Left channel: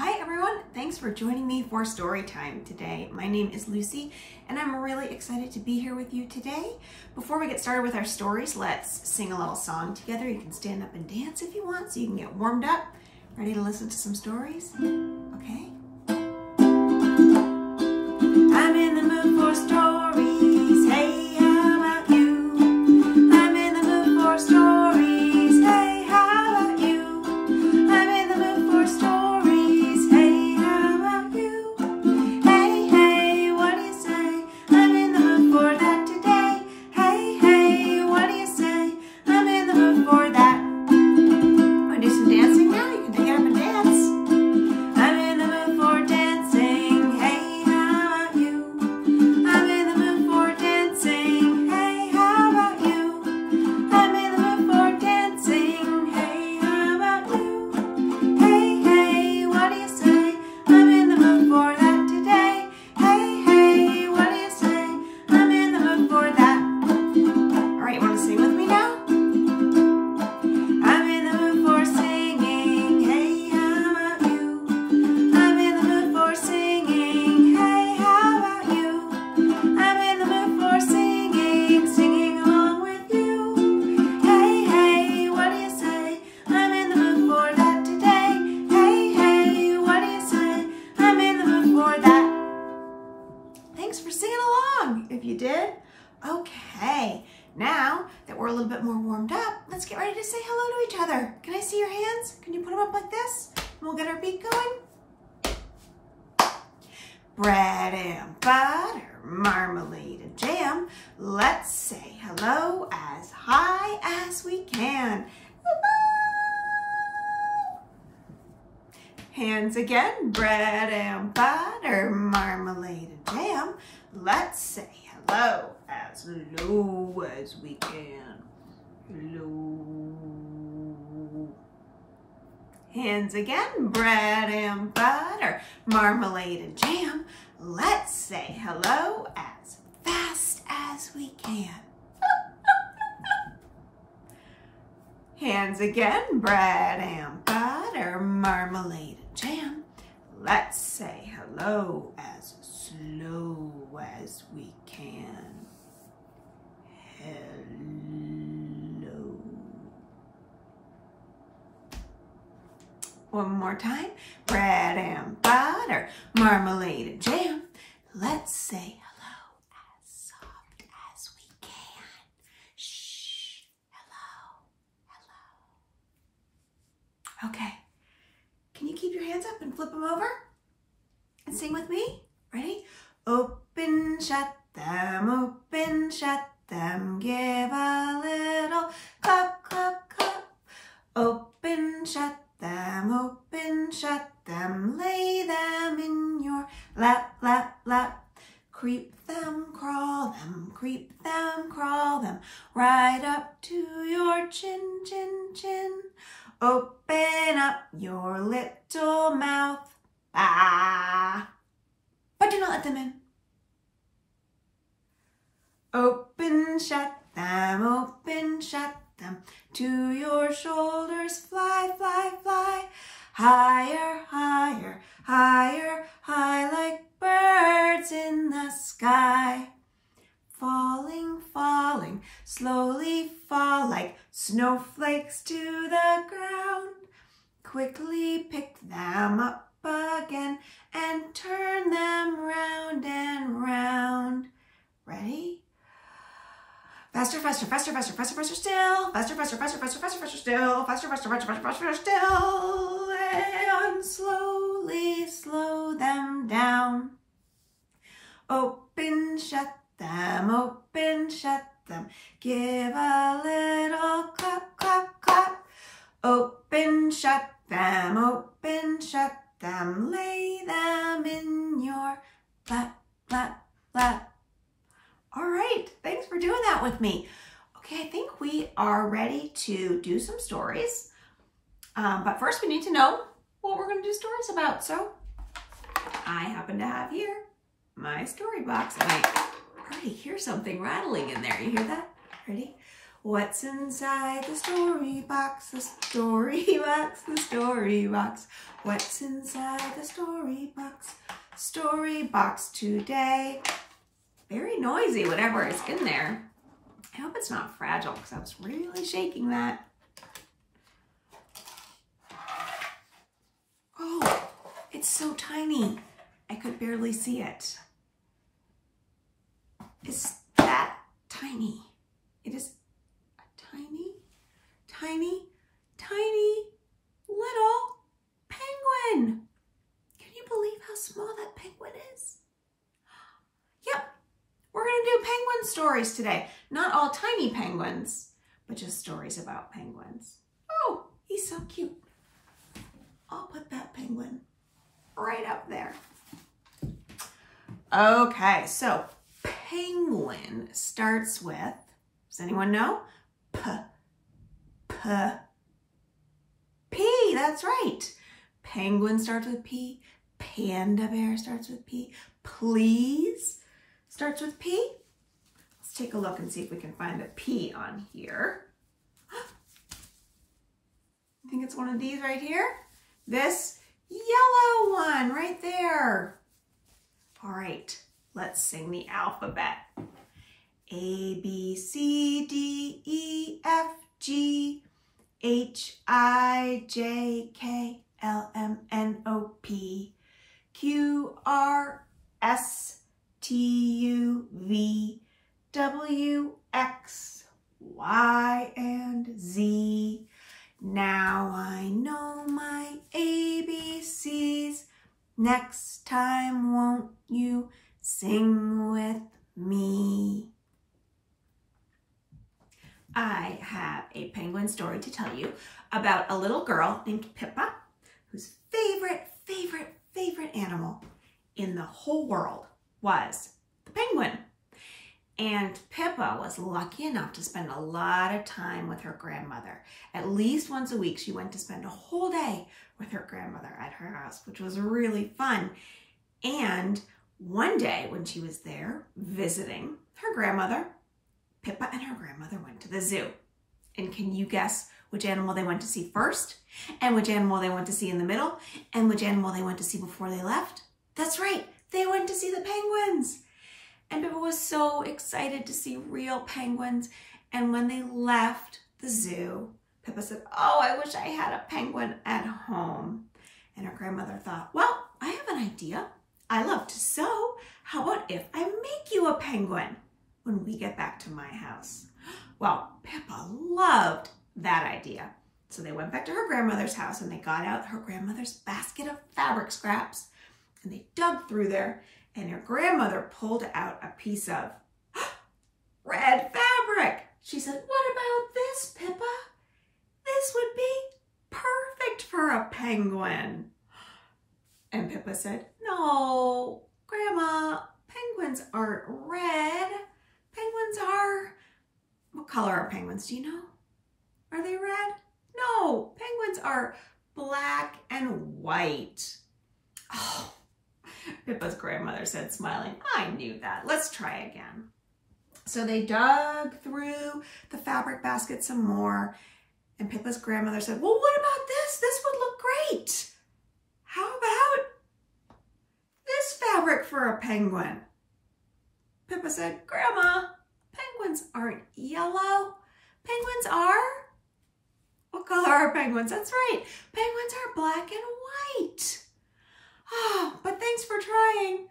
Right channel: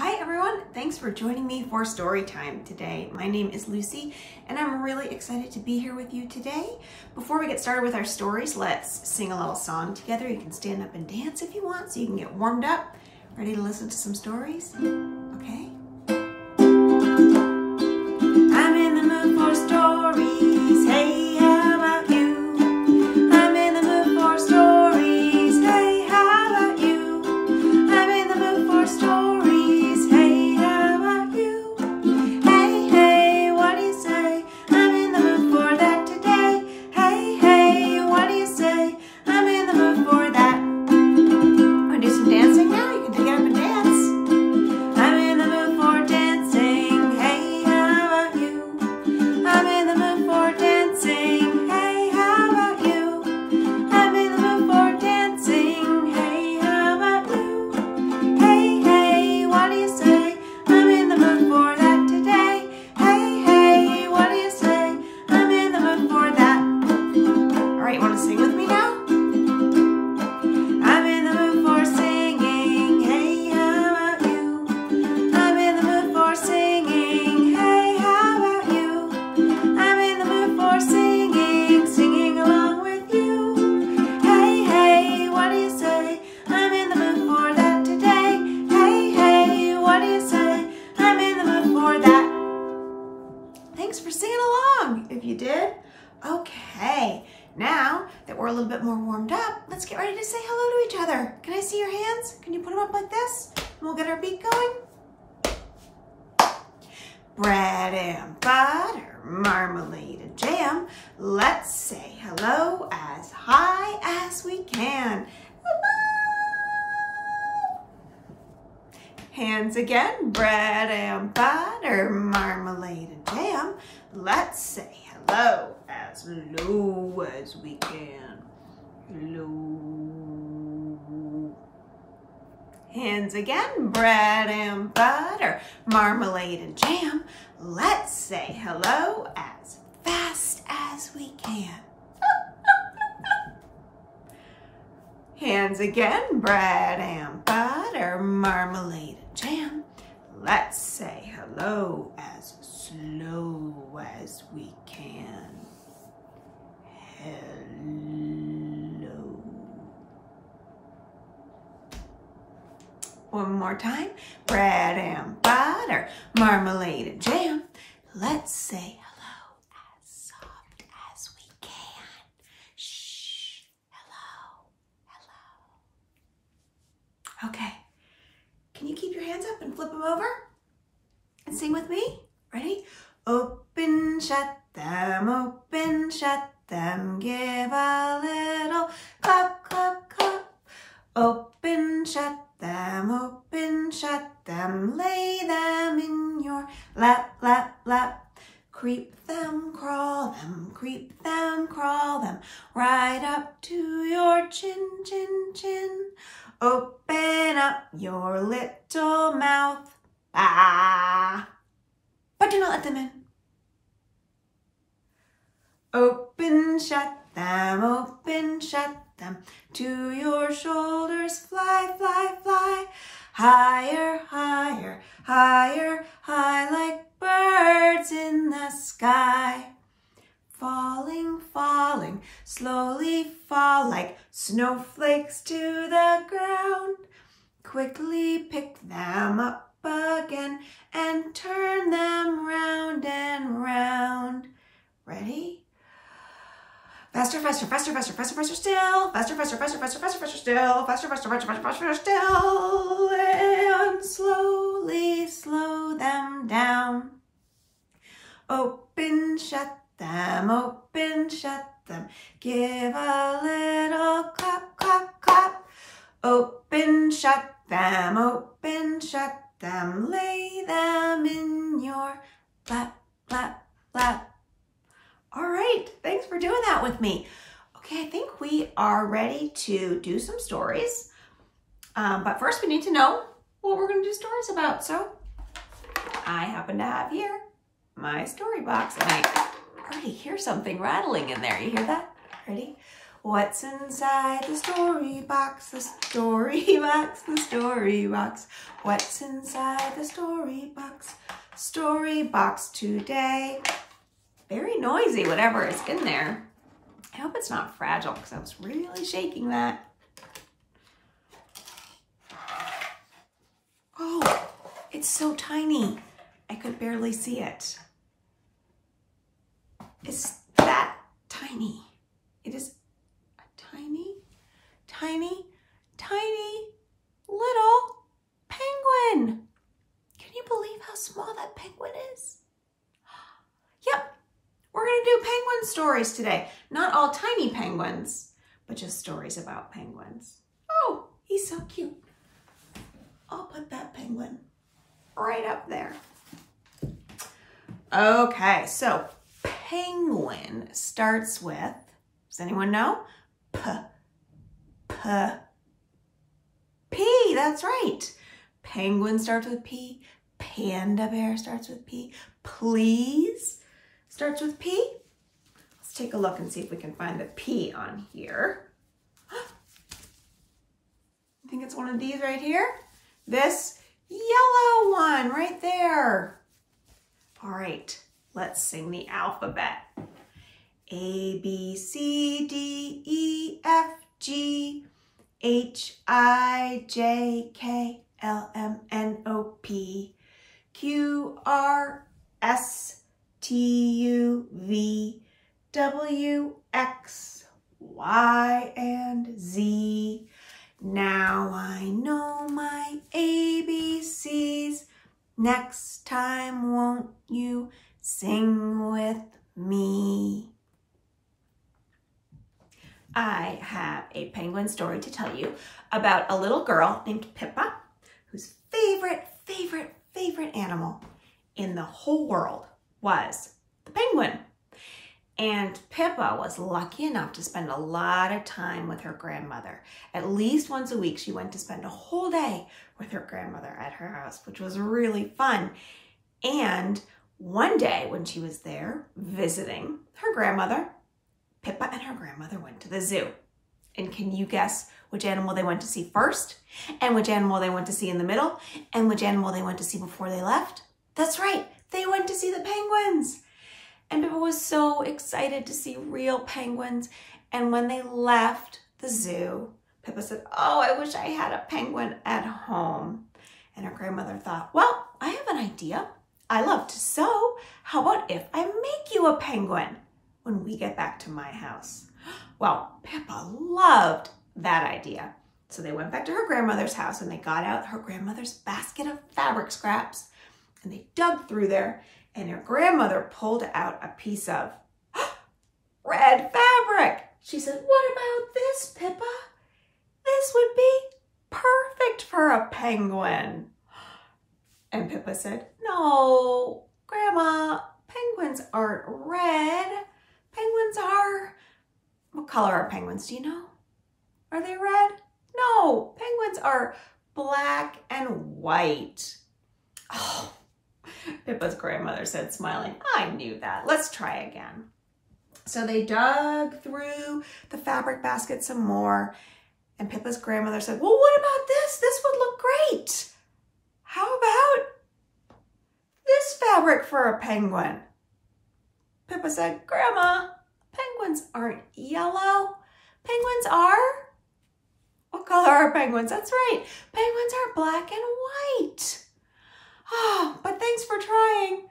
Hi everyone, thanks for joining me for story time today. My name is Lucy and I'm really excited to be here with you today. Before we get started with our stories, let's sing a little song together. You can stand up and dance if you want so you can get warmed up. Ready to listen to some stories? Okay. I'm in the mood for stories. Hey, how about you? I'm in the mood for stories. Hey, how about you? I'm in the mood for stories. Hey, how about you? Hey, hey, what do you say? I'm in the mood for that today. Hey, hey, what do you say? I'm in the mood for that. Want to do some dancing now? You can get up and dance. I'm in the mood for dancing. Hey, how about you? I'm in the mood for dancing. Hey, how about you? I'm in the mood for dancing. Hey, how about you? Hey, hey, what do you say? I'm in the mood for that today. Hey, hey, what do you say? I'm in the mood for that. All right, you want to sing with me now? I'm in the mood for singing. Hey, how about you? I'm in the mood for singing. Hey, how about you? I'm in the mood for singing, singing along with you. Hey, hey, what do you say? I'm in the mood for that today. Hey, hey, what do you say? I'm in the mood for that. Thanks for singing along, if you did. Okay, now that we're a little bit more warmed up, let's get ready to say hello to each other. Can I see your hands? Can you put them up like this? And we'll get our beat going. Bread and butter, marmalade and jam. Let's say hello as high as we can. Hello. Hands again. Bread and butter, marmalade and jam. Let's say hello as low as we can. Hello. Hands again. Bread and butter, marmalade and jam. Let's say hello as fast as we can. Hands again. Bread and butter, marmalade and jam. Let's say hello as slow as we can. Hello. One more time. Bread and butter, marmalade and jam. Let's say hello as soft as we can. Shh. Hello. Hello. Okay. Can you keep your hands up and flip them over? And sing with me. Ready? Open, shut them, open, shut them. Give a little clap, clap, clap. Open, shut them, open, shut them. Lay them in your lap, lap, lap. Creep them, crawl them, creep them, crawl them. Right up to your chin, chin, chin. Open up your little mouth. Ah. But do not let them in. Open, shut them, open, shut them. To your shoulders, fly, fly, fly. Higher, higher, higher, high like birds in the sky. Falling, falling, slowly fall like snowflakes to the ground. Quickly pick them up again and turn them round and round. Ready? Faster, faster, faster, faster, faster, faster still. Faster, faster, faster, faster, faster, faster still. Faster, faster, faster, faster, faster still. And slowly slow them down. Open, shut them, open, shut them. Give a little clap, clap, clap. Open, shut them, open, shut them. Lay them in your lap, lap, lap. All right, thanks for doing that with me. Okay, I think we are ready to do some stories. But first we need to know what we're gonna do stories about. So I happen to have here my story box and I already hear something rattling in there. You hear that? Ready? What's inside the story box? The story box, the story box. What's inside the story box? Story box today. Very noisy, whatever is in there. I hope it's not fragile because I was really shaking that. Oh, it's so tiny. I could barely see it. It's that tiny. It is a tiny, tiny, tiny little penguin. Can you believe how small that penguin is? Yep, we're gonna do penguin stories today. Not all tiny penguins, but just stories about penguins. Oh, he's so cute. I'll put that penguin right up there. Okay, so penguin starts with, does anyone know? P, that's right. Penguin starts with P. Panda bear starts with P. Please starts with P. Let's take a look and see if we can find the P on here. I think it's one of these right here. This yellow one right there. All right, let's sing the alphabet. A, B, C, D, E, F, G, H, I, J, K, L, M, N, O, P, Q, R, S, T, U, V, W, X, Y, and Z. Now I know my ABCs. Next time, won't you sing with me? I have a penguin story to tell you about a little girl named Pippa, whose favorite animal in the whole world was the penguin. And Pippa was lucky enough to spend a lot of time with her grandmother. At least once a week, she went to spend a whole day with her grandmother at her house, which was really fun. And one day when she was there visiting her grandmother, Pippa and her grandmother went to the zoo. And can you guess which animal they went to see first? And which animal they went to see in the middle? And which animal they went to see before they left? That's right, they went to see the penguins. And Pippa was so excited to see real penguins. And when they left the zoo, Pippa said, oh, I wish I had a penguin at home. And her grandmother thought, well, I have an idea. I love to sew. How about if I make you a penguin when we get back to my house? Well, Pippa loved that idea. So they went back to her grandmother's house and they got out her grandmother's basket of fabric scraps and they dug through there. And her grandmother pulled out a piece of red fabric. She said, what about this, Pippa? This would be perfect for a penguin. And Pippa said, no, Grandma, penguins aren't red. Penguins are, what color are penguins? Do you know? Are they red? No, penguins are black and white. Oh. Pippa's grandmother said, smiling, I knew that. Let's try again. So they dug through the fabric basket some more. And Pippa's grandmother said, well, what about this? This would look great. How about this fabric for a penguin? Pippa said, Grandma, penguins aren't yellow. Penguins are, what color are penguins? That's right. Penguins are black and white. Oh, but thanks for trying.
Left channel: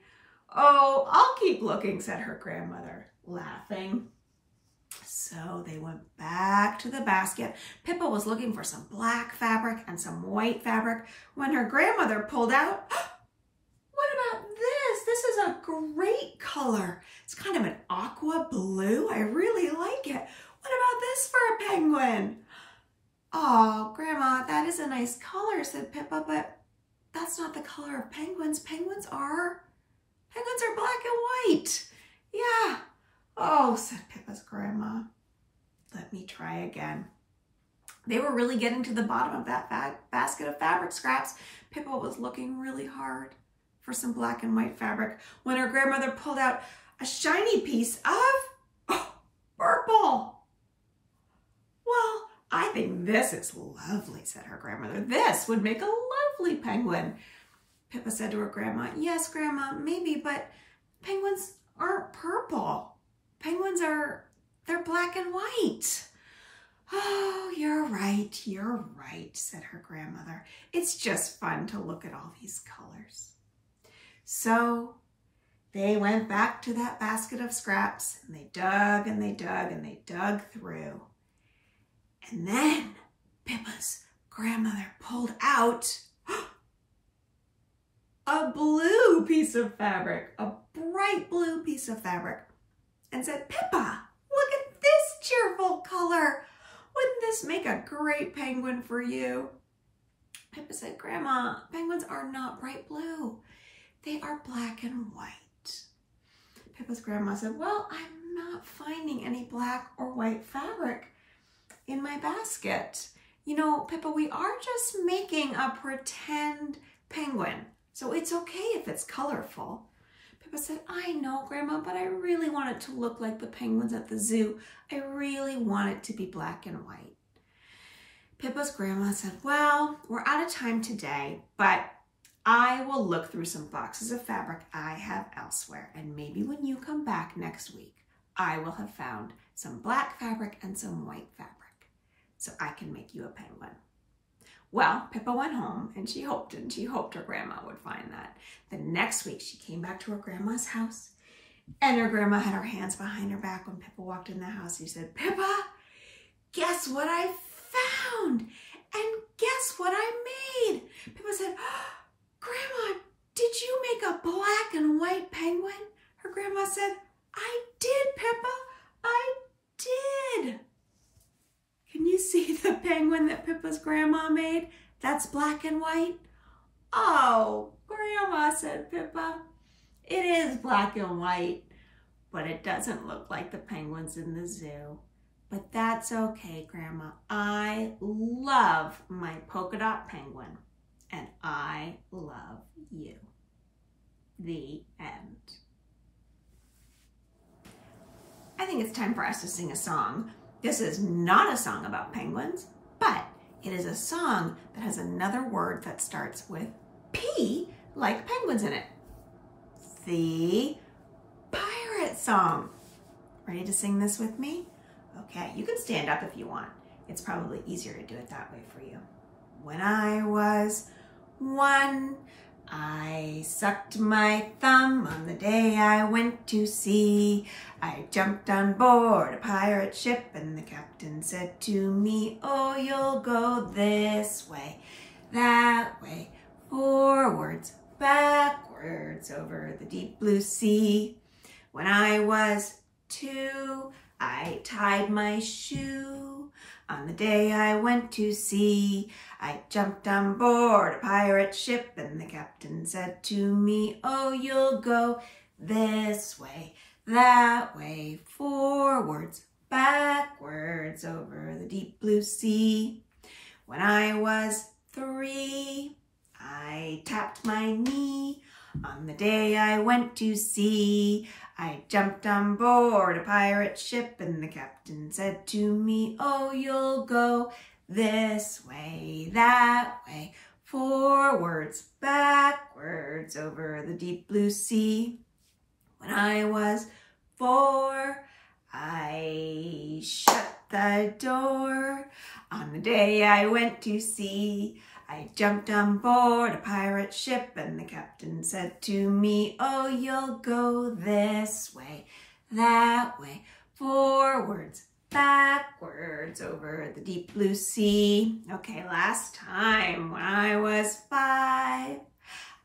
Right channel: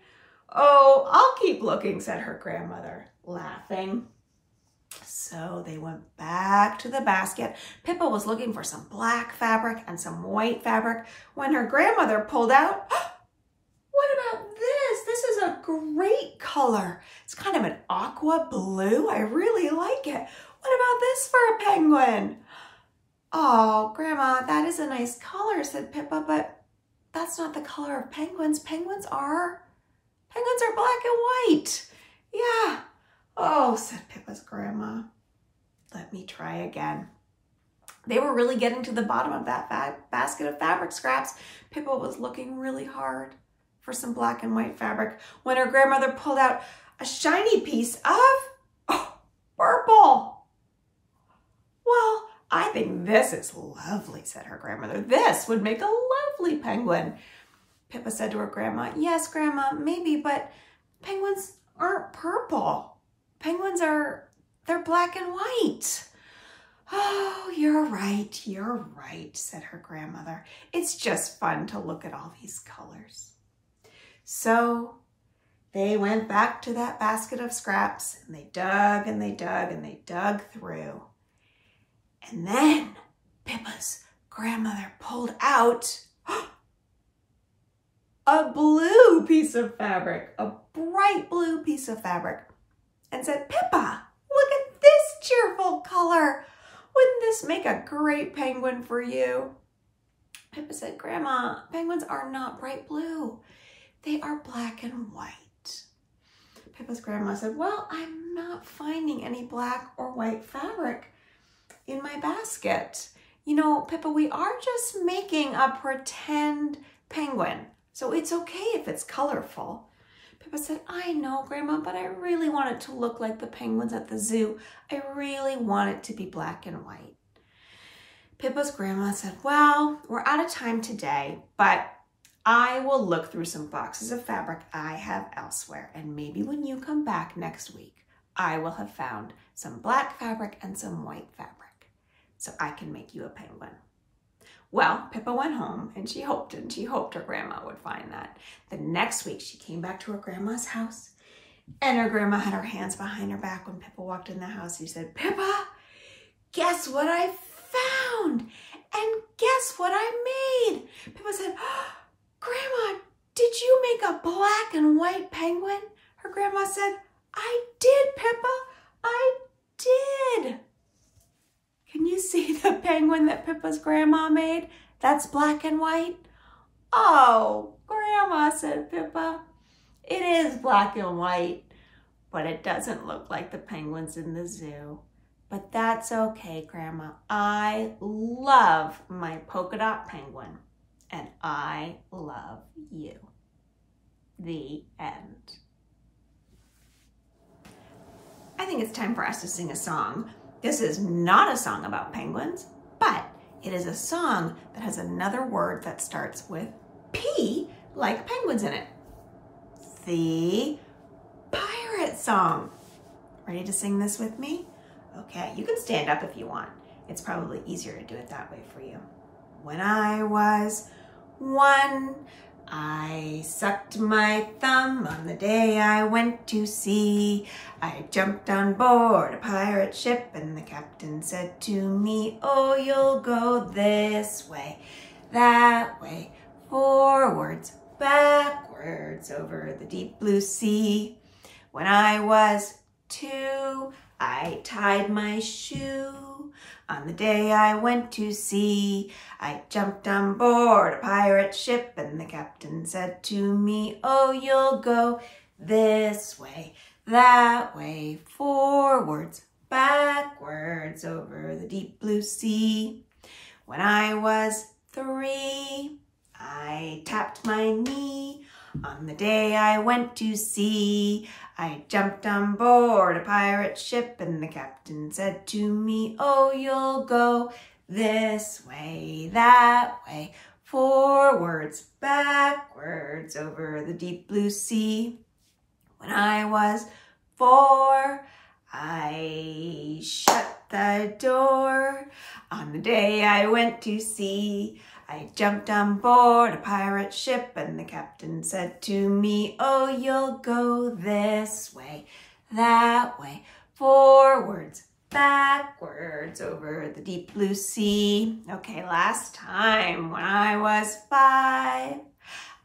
Oh, I'll keep looking, said her grandmother, laughing. So they went back to the basket. Pippa was looking for some black fabric and some white fabric when her grandmother pulled out, what about this? This is a great color. It's kind of an aqua blue. I really like it. What about this for a penguin? Oh, Grandma, that is a nice color, said Pippa, but that's not the color of penguins. Penguins are black and white. Yeah. Oh, said Pippa's grandma. Let me try again. They were really getting to the bottom of that basket of fabric scraps. Pippa was looking really hard for some black and white fabric when her grandmother pulled out a shiny piece of purple. I think this is lovely, said her grandmother. This would make a lovely penguin. Pippa said to her grandma, yes, Grandma, maybe, but penguins aren't purple. Penguins they're black and white. Oh, you're right, said her grandmother. It's just fun to look at all these colors. So they went back to that basket of scraps and they dug and they dug and they dug through. And then Pippa's grandmother pulled out a blue piece of fabric, a bright blue piece of fabric, and said, Pippa, look at this cheerful color. Wouldn't this make a great penguin for you? Pippa said, Grandma, penguins are not bright blue. They are black and white. Pippa's grandma said, well, I'm not finding any black or white fabric in my basket. You know, Pippa, we are just making a pretend penguin, so it's okay if it's colorful. Pippa said, I know, Grandma, but I really want it to look like the penguins at the zoo. I really want it to be black and white. Pippa's grandma said, well, we're out of time today, but I will look through some boxes of fabric I have elsewhere, and maybe when you come back next week, I will have found some black fabric and some white fabric, so I can make you a penguin. Well, Pippa went home and she hoped her grandma would find that. The next week, she came back to her grandma's house, and her grandma had her hands behind her back when Pippa walked in the house. She said, Pippa, guess what I found? And guess what I made? Pippa said, Grandma, did you make a black and white penguin? Her grandma said, I did, Pippa, I did. Can you see the penguin that Pippa's grandma made? That's black and white. Oh, Grandma, said Pippa, it is black and white, but it doesn't look like the penguins in the zoo. But that's okay, Grandma. I love my polka dot penguin, and I love you. The end. I think it's time for us to sing a song. This is not a song about penguins, but it is a song that has another word that starts with P, like penguins in it. The pirate song. Ready to sing this with me? Okay, you can stand up if you want. It's probably easier to do it that way for you. When I was 1, I sucked my thumb on the day I went to sea. I jumped on board a pirate ship and the captain said to me, oh, you'll go this way, that way, forwards, backwards over the deep blue sea. When I was 2, I tied my shoe on the day I went to sea. I jumped on board a pirate ship and the captain said to me, oh, you'll go this way, that way, forwards, backwards over the deep blue sea. When I was 3, I tapped my knee on the day I went to sea. I jumped on board a pirate ship and the captain said to me, oh, you'll go this way, that way, forwards, backwards over the deep blue sea. When I was 4, I shut the door on the day I went to sea. I jumped on board a pirate ship and the captain said to me, oh, you'll go this way, that way, forwards, backwards over the deep blue sea. Okay, last time. When I was 5,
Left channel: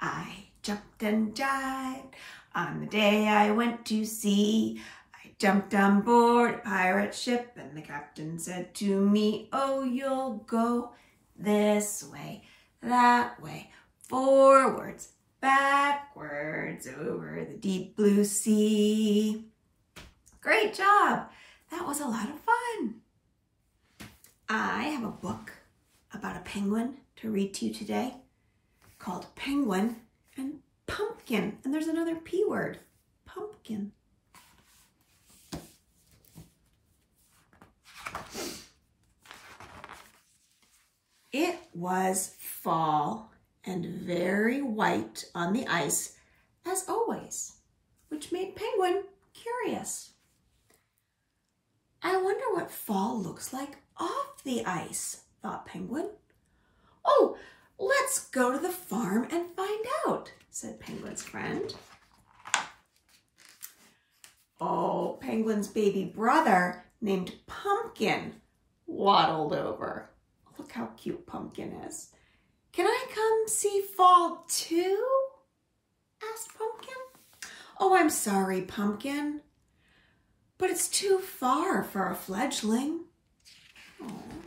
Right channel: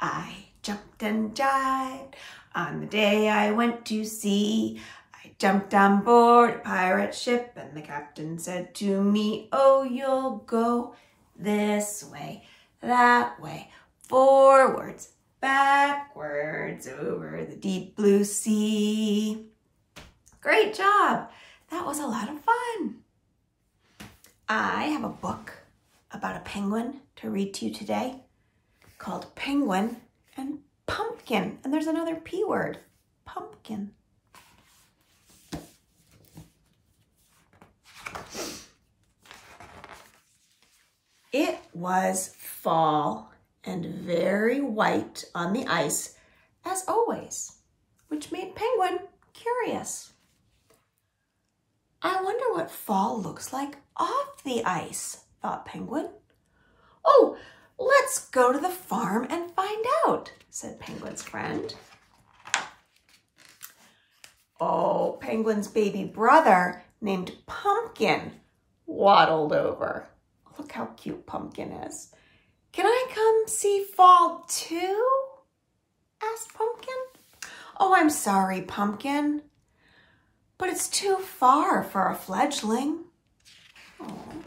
I jumped and dived on the day I went to sea. I jumped on board a pirate ship and the captain said to me, oh, you'll go this way, that way, forwards, backwards over the deep blue sea. Great job. That was a lot of fun. I have a book about a penguin to read to you today called Penguin and Pumpkin. And there's another P word, pumpkin. It was fall and very white on the ice, as always, which made Penguin curious. I wonder what fall looks like off the ice, thought Penguin. Oh, let's go to the farm and find out, said Penguin's friend. Oh, Penguin's baby brother named Pumpkin waddled over. Look how cute Pumpkin is. Can I come see fall too? Asked Pumpkin. Oh, I'm sorry, Pumpkin, but it's too far for a fledgling. Aww.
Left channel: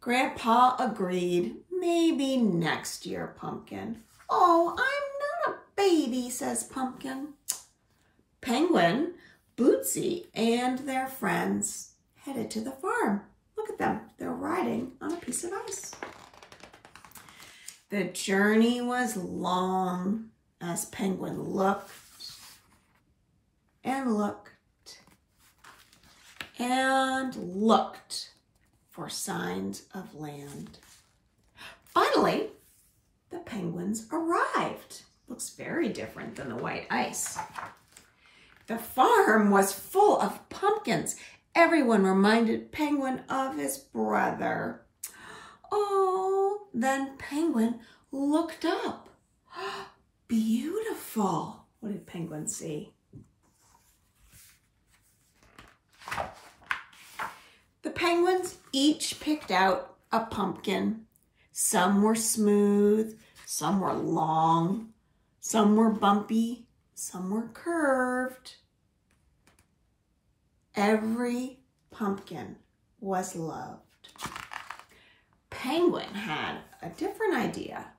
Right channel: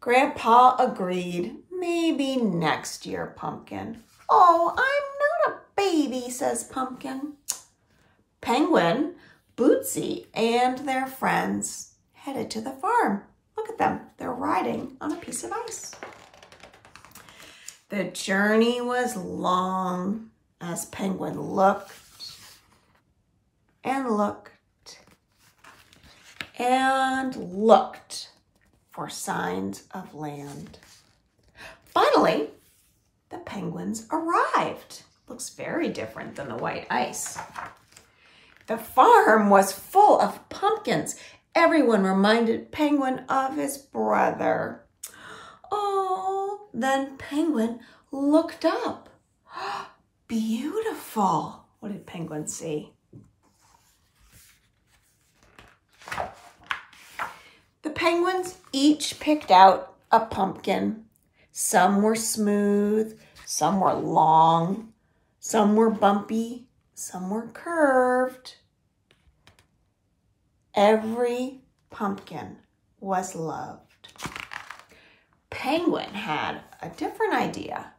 Grandpa agreed. Maybe next year, Pumpkin. Oh, I'm not a baby, says Pumpkin. Penguin, Bootsy, and their friends headed to the farm. Look at them. They're riding on a piece of ice. The journey was long as Penguin looked and looked and looked for signs of land. Finally, the penguins arrived. Looks very different than the white ice. The farm was full of pumpkins. Everyone reminded Penguin of his brother. Oh, then Penguin looked up. Beautiful. What did Penguin see? The penguins each picked out a pumpkin. Some were smooth, some were long, some were bumpy, some were curved. Every pumpkin was loved. Penguin had a different idea.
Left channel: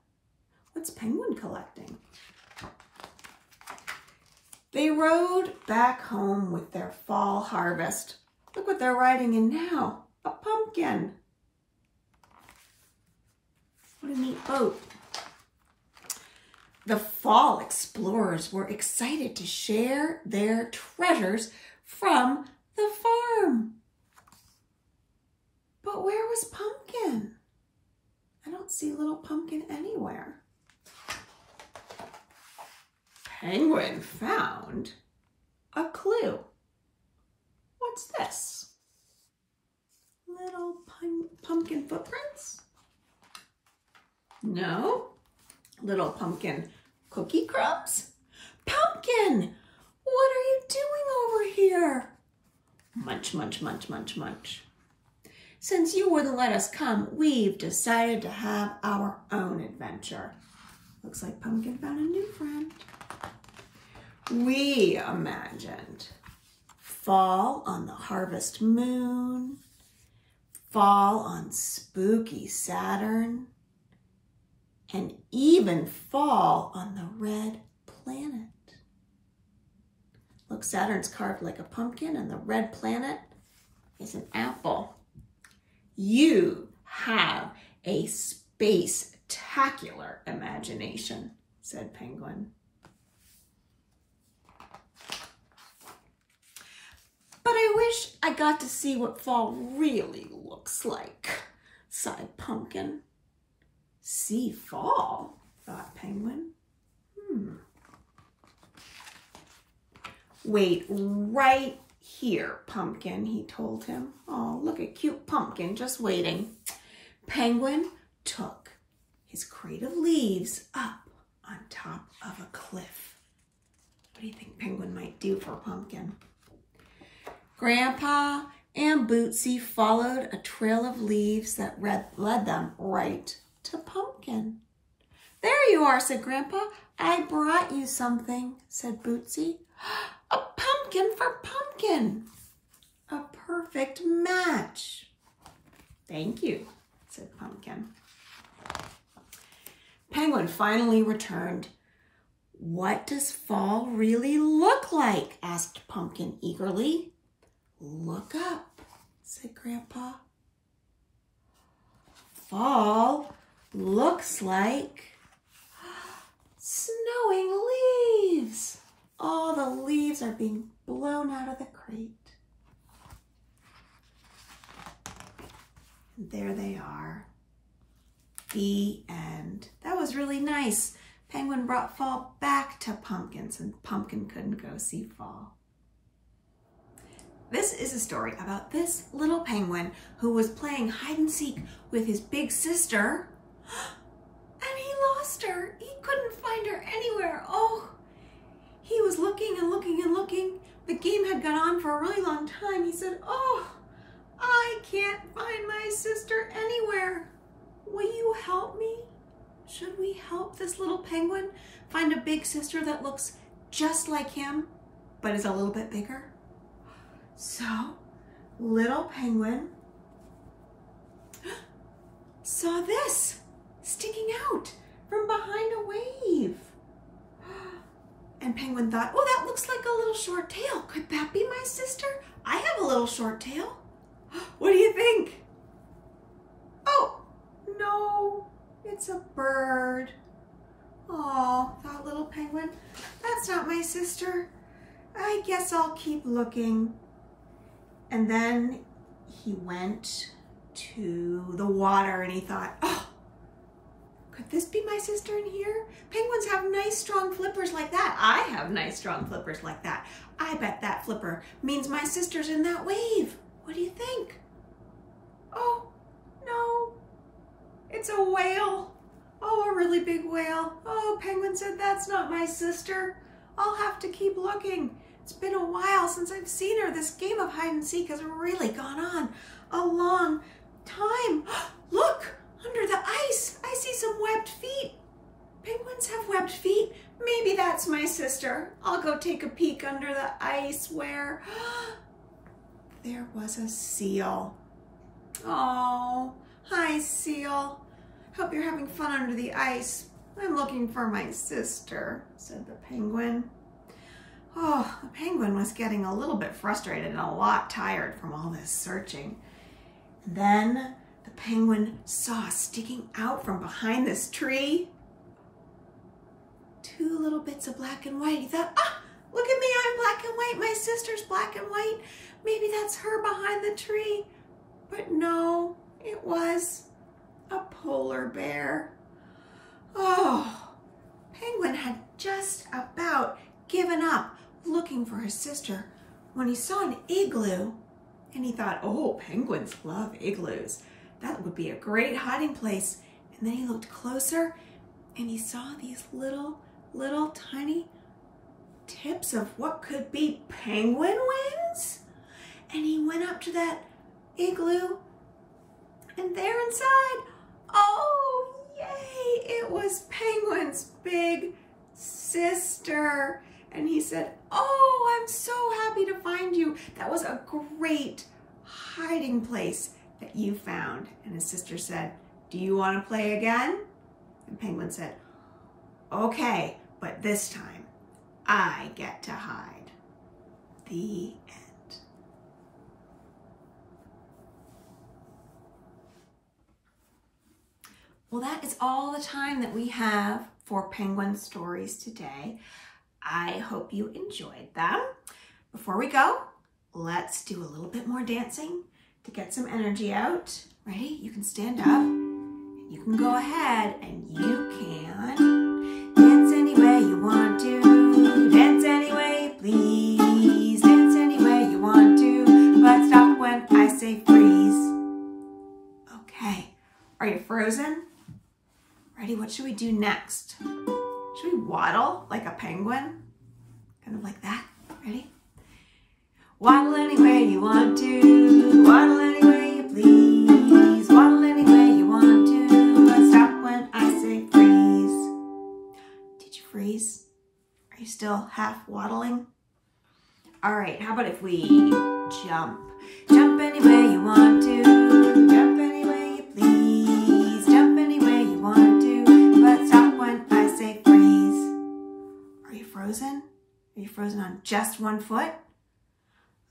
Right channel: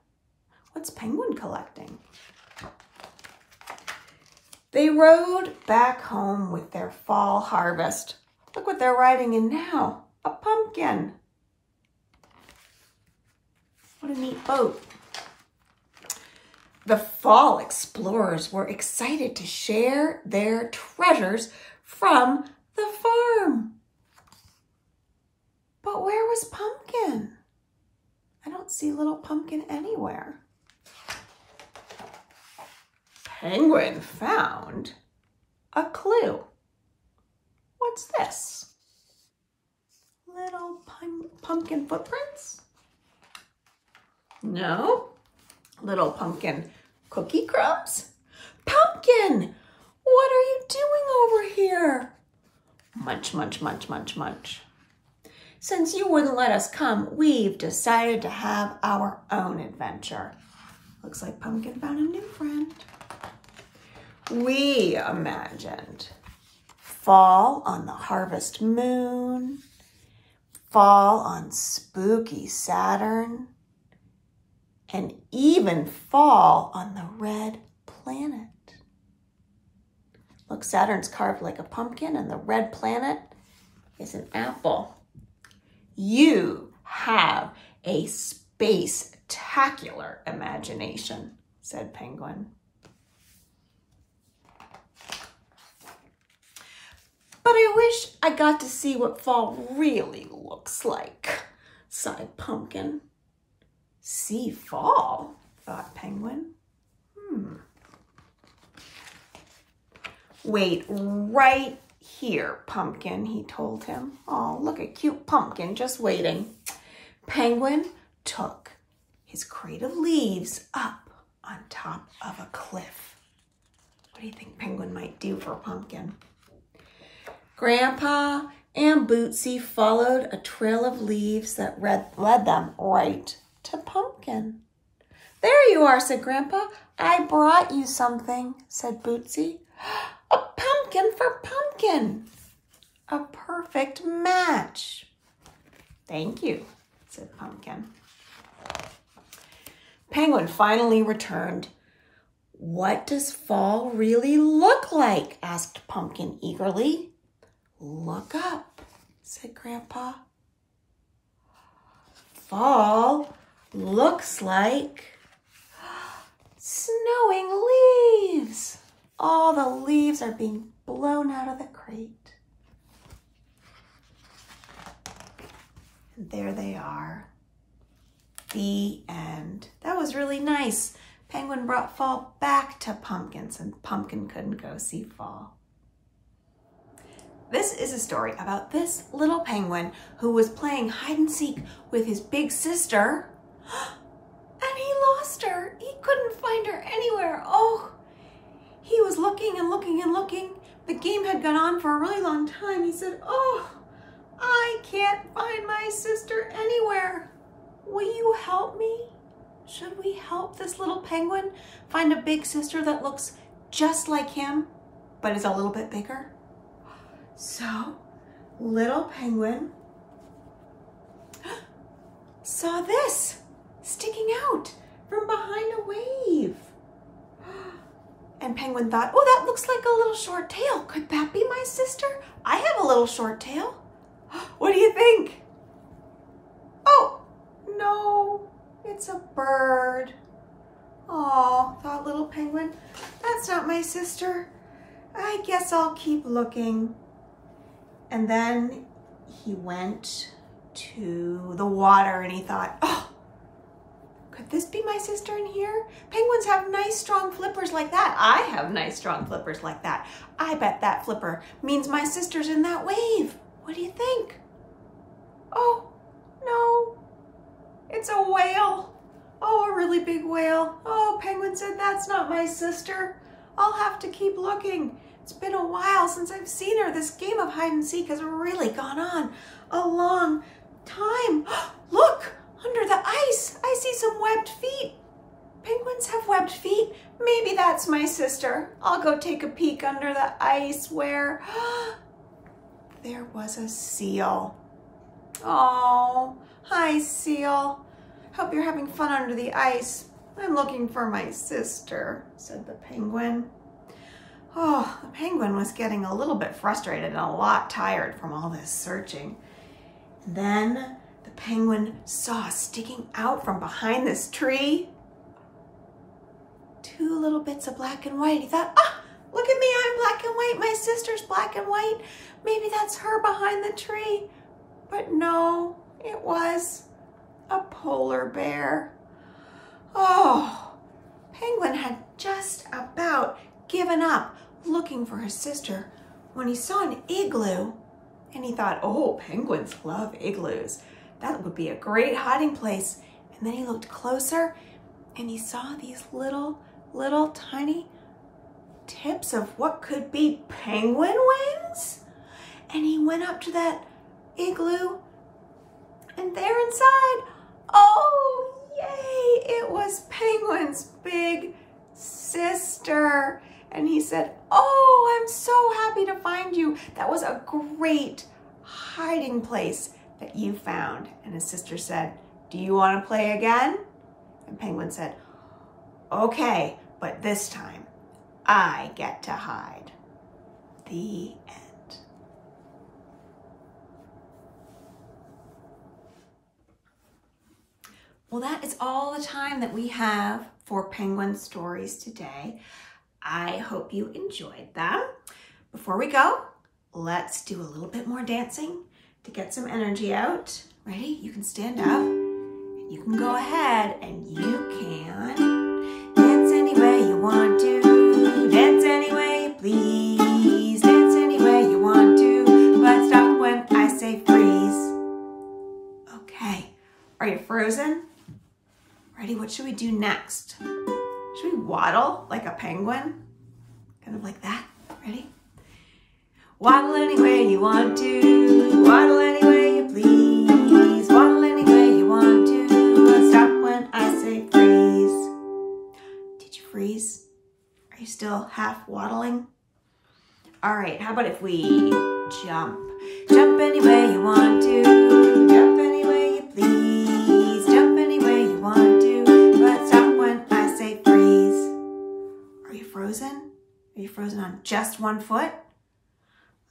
What's Penguin collecting? They rode back home with their fall harvest. Look what they're riding in now, a pumpkin. What a neat boat. The fall explorers were excited to share their treasures from the farm. But where was Pumpkin? I don't see little Pumpkin anywhere. Penguin found a clue. What's this? Little pumpkin footprints? No. Little pumpkin cookie crumbs? Pumpkin, what are you doing over here? Munch, munch, munch, munch, munch. Since you wouldn't let us come, we've decided to have our own adventure. Looks like Pumpkin found a new friend. We imagined fall on the harvest moon, fall on spooky Saturn, and even fall on the red planet. Look, Saturn's carved like a pumpkin and the red planet is an apple. You have a space-tacular imagination, said Penguin. But I wish I got to see what fall really looks like, sighed Pumpkin. See fall, thought Penguin. Wait right here, Pumpkin, he told him. Oh, look at cute Pumpkin just waiting. Penguin took his crate of leaves up on top of a cliff. What do you think Penguin might do for Pumpkin? Grandpa and Bootsy followed a trail of leaves that led them right to Pumpkin. There you are, said Grandpa. I brought you something, said Bootsy. A pumpkin for Pumpkin. A perfect match. Thank you, said Pumpkin. Penguin finally returned. What does fall really look like? Asked Pumpkin eagerly. Look up, said Grandpa. Fall looks like snowing leaves. All the leaves are being blown out of the crate. And there they are. The end. That was really nice. Penguin brought fall back to Pumpkins, and Pumpkin couldn't go see fall. This is a story about this little penguin who was playing hide and seek with his big sister, and he lost her. He couldn't find her anywhere. Oh, he was looking and looking and looking. The game had gone on for a really long time. He said, oh, I can't find my sister anywhere. Will you help me? Should we help this little penguin find a big sister that looks just like him, but is a little bit bigger? So, little penguin saw this sticking out from behind a wave. And Penguin thought, oh, that looks like a little short tail. Could that be my sister? I have a little short tail. What do you think? Oh, no, it's a bird. Oh, thought little Penguin, that's not my sister. I guess I'll keep looking. And then he went to the water and he thought, oh, could this be my sister in here? Penguins have nice strong flippers like that. I have nice strong flippers like that. I bet that flipper means my sister's in that wave. What do you think? Oh, no, it's a whale. Oh, a really big whale. Oh, Penguin said, that's not my sister. I'll have to keep looking. It's been a while since I've seen her. This game of hide and seek has really gone on a long time. Look, under the ice, I see some webbed feet. Penguins have webbed feet. Maybe that's my sister. I'll go take a peek under the ice where there was a seal. Oh, hi, seal. Hope you're having fun under the ice. I'm looking for my sister, said the penguin. Oh, the penguin was getting a little bit frustrated and a lot tired from all this searching. Then the penguin saw sticking out from behind this tree two little bits of black and white. He thought, ah, look at me, I'm black and white. My sister's black and white. Maybe that's her behind the tree. But no, it was a polar bear. Oh, Penguin had just about given up looking for his sister when he saw an igloo, and he thought, oh, penguins love igloos. That would be a great hiding place. And then he looked closer and he saw these little tiny tips of what could be penguin wings. And he went up to that igloo, and there inside, oh, yay, it was Penguin's big sister. And he said, oh, I'm so happy to find you. That was a great hiding place that you found. And his sister said, do you want to play again? And Penguin said, okay, but this time I get to hide. The end. Well, that is all the time that we have for Penguin Stories today. I hope you enjoyed them. Before we go, let's do a little bit more dancing to get some energy out. Ready? You can stand up. You can go ahead and you can dance any way you want to. Dance any way you please. Dance any way you want to. But stop when I say freeze. Okay. Are you frozen? Ready? What should we do next? Should we waddle like a penguin? Kind of like that. Ready? Waddle any way you want to. Waddle any way you please. Waddle any way you want to. But stop when I say freeze. Did you freeze? Are you still half waddling? All right, how about if we jump? Jump any way you want to. Jump any way you please. Jump any way you want to. But stop when I say freeze. Are you frozen? Are you frozen on just one foot?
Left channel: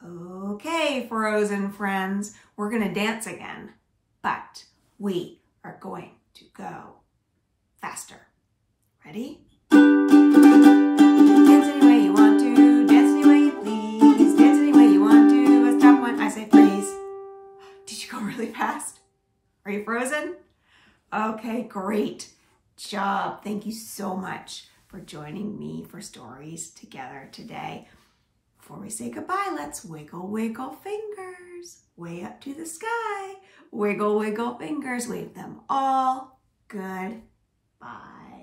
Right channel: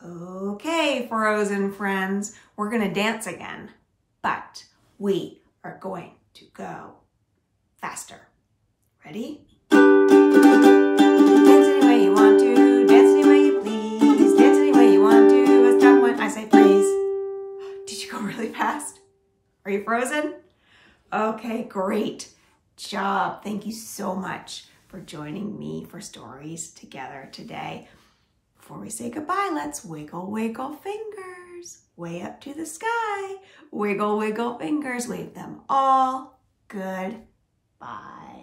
Okay, frozen friends, we're gonna dance again, but we are going to go faster. Ready? Dance any way you want to, dance any way you please, dance any way you want to, but stop when I say freeze. Did you go really fast? Okay, great job. Thank you so much for joining me for stories together today. Before we say goodbye, let's wiggle, wiggle fingers way up to the sky. Wiggle, wiggle fingers, wave them all goodbye.